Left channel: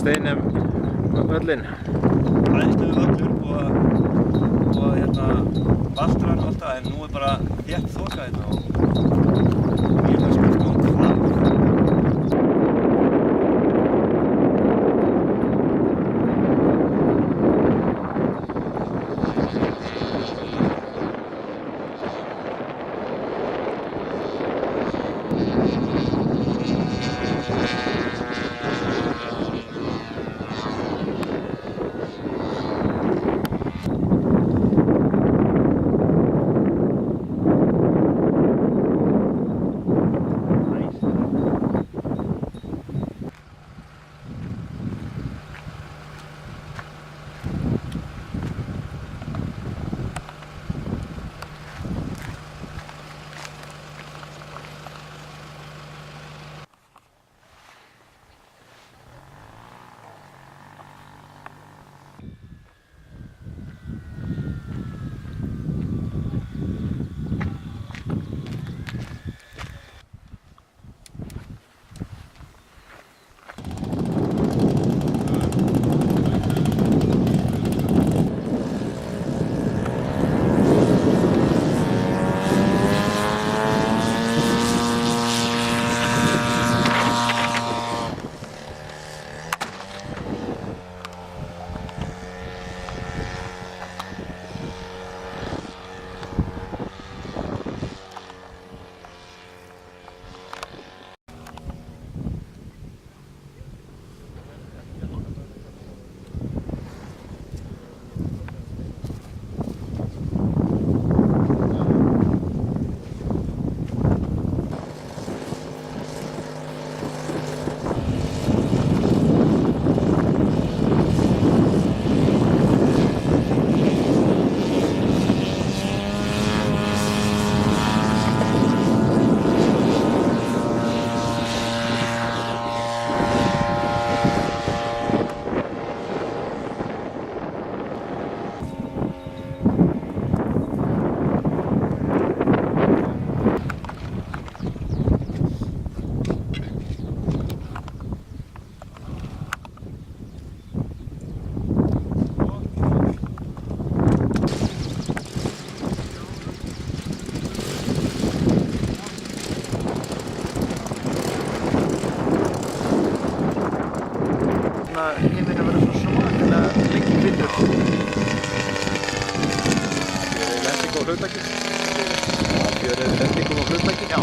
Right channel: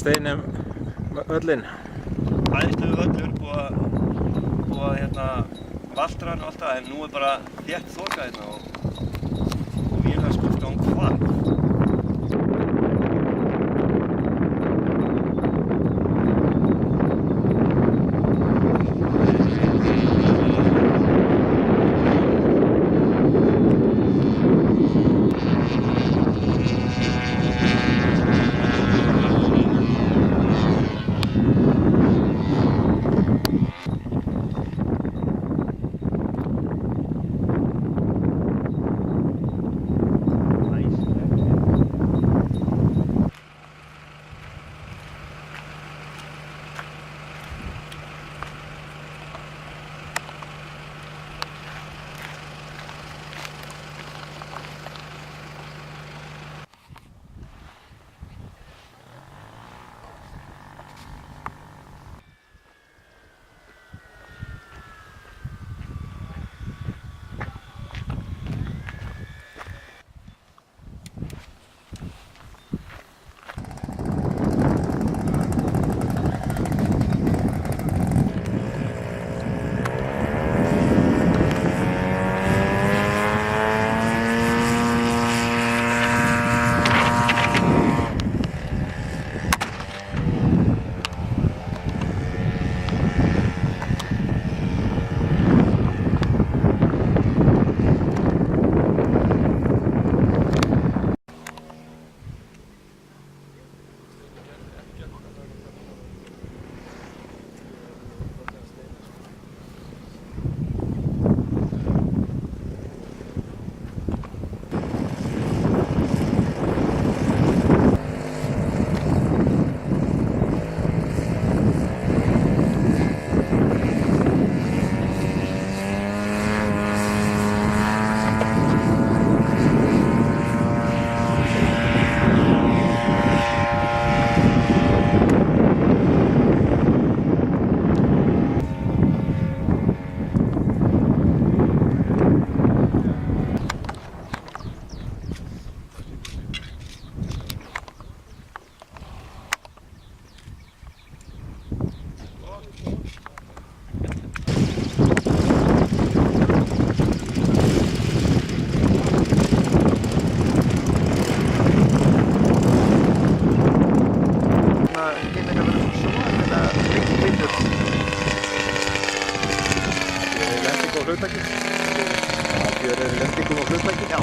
finnst einum völlinn? Æðislegu völlur og valtrar og allt það, en nú bara þétt þoka hérna og ég spurt hvað. Himinn að vera svo svakalega mikið hvítur. Fjörið lending á hlutaki? Fjörið lendingum á hlutaki? Já.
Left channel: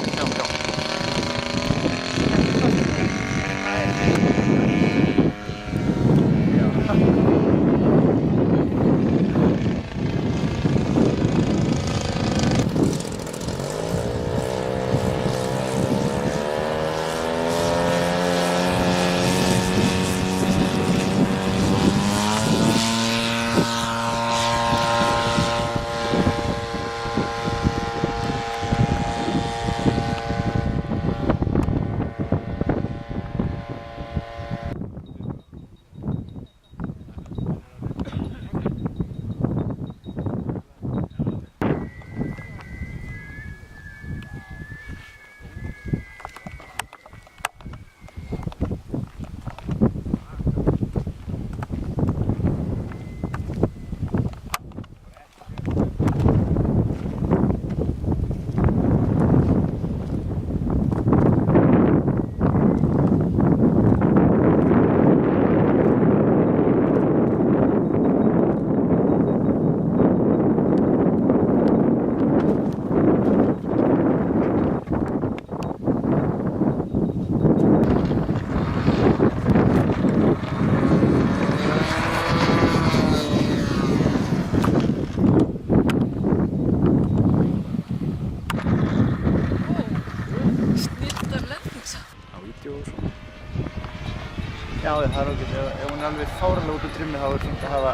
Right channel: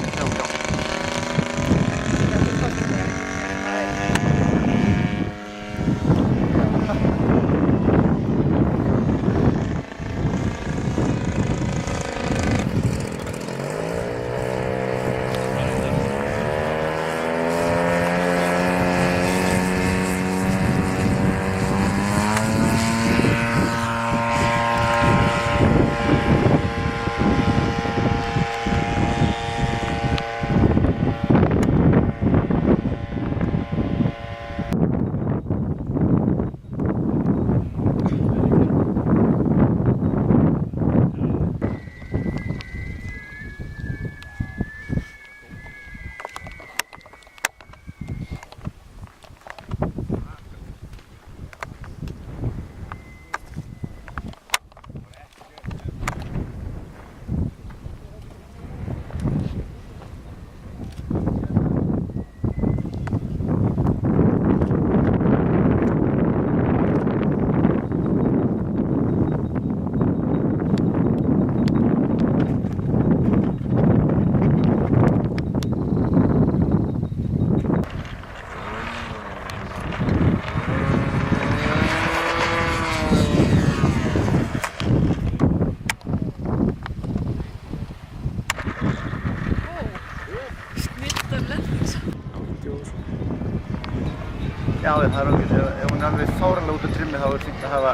Já, það er alveg, ef hún er alveg fáránlega út úr trimmi þá er fínt að hafa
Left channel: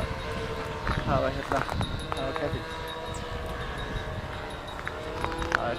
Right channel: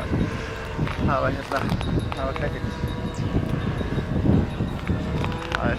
kækinn. Það er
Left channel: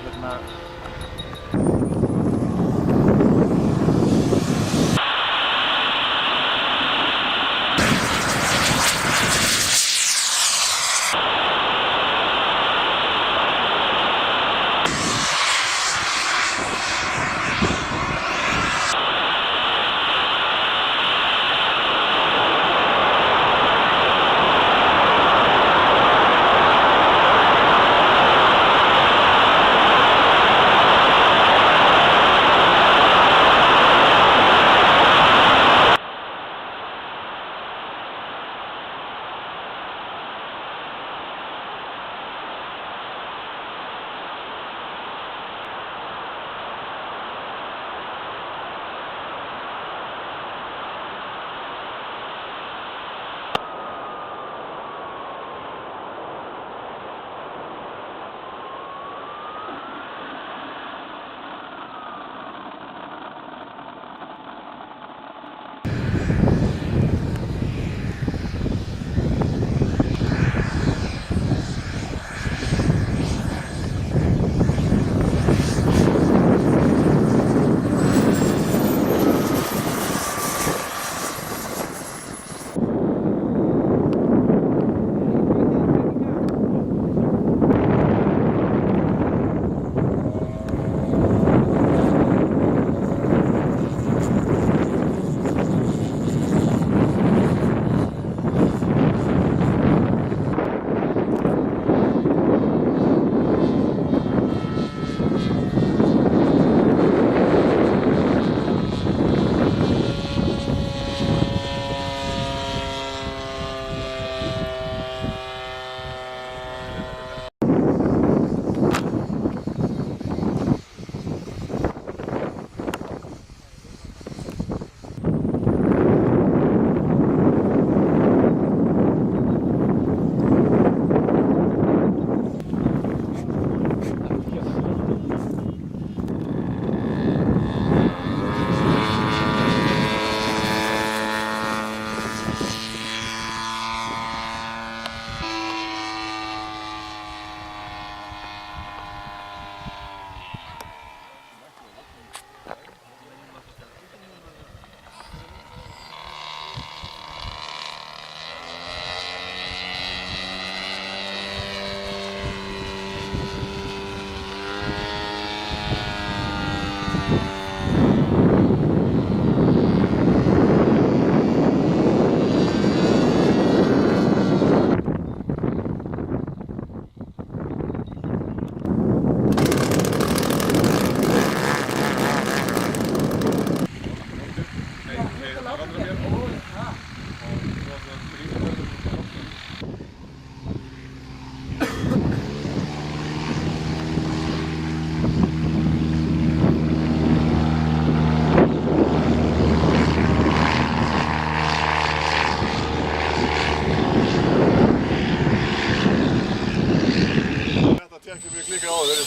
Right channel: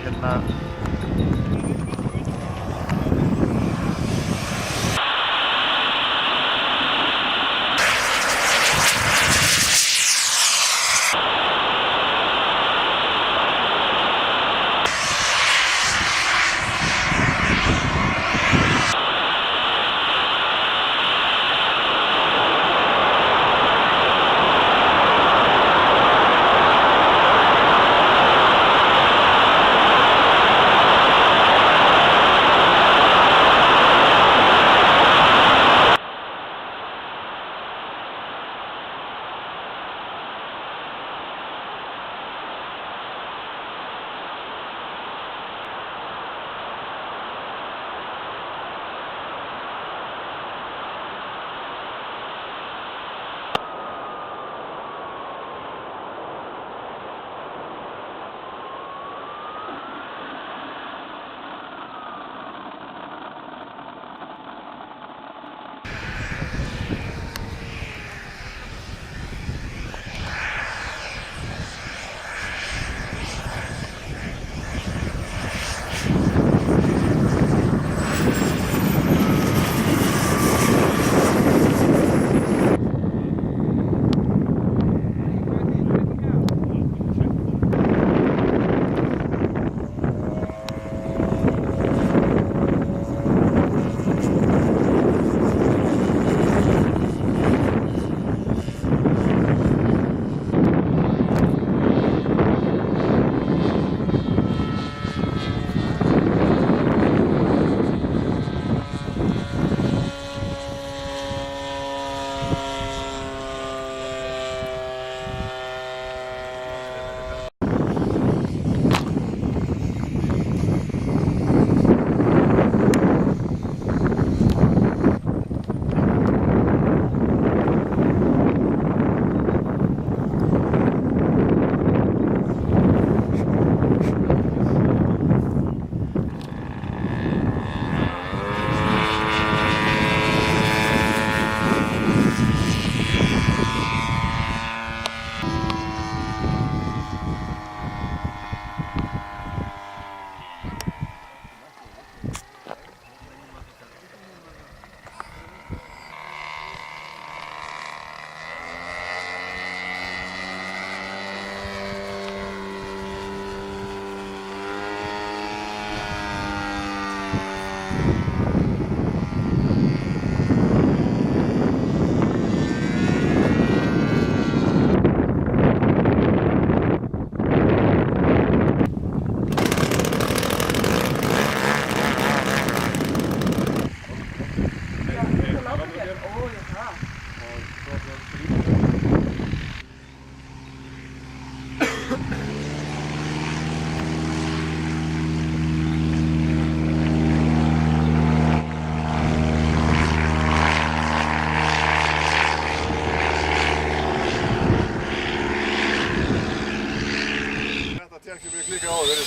tjekkið við klikkað á þegar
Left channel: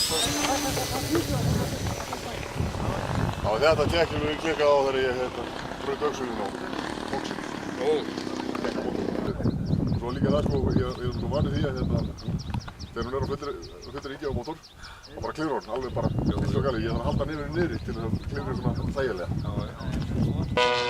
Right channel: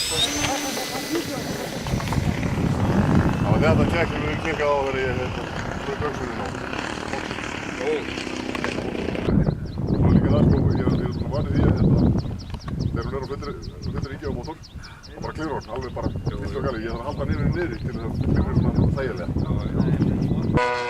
þetta tjekkið við klikkað á þegar ég fyrir böksunum á. Og líka það sko, ég vanið því að þegar hún á fullir ríkja á mótor, þá bara klifur hún, alveg bara eins og gali. Ég þarf að halda niður til þess að klifur svona þægilega.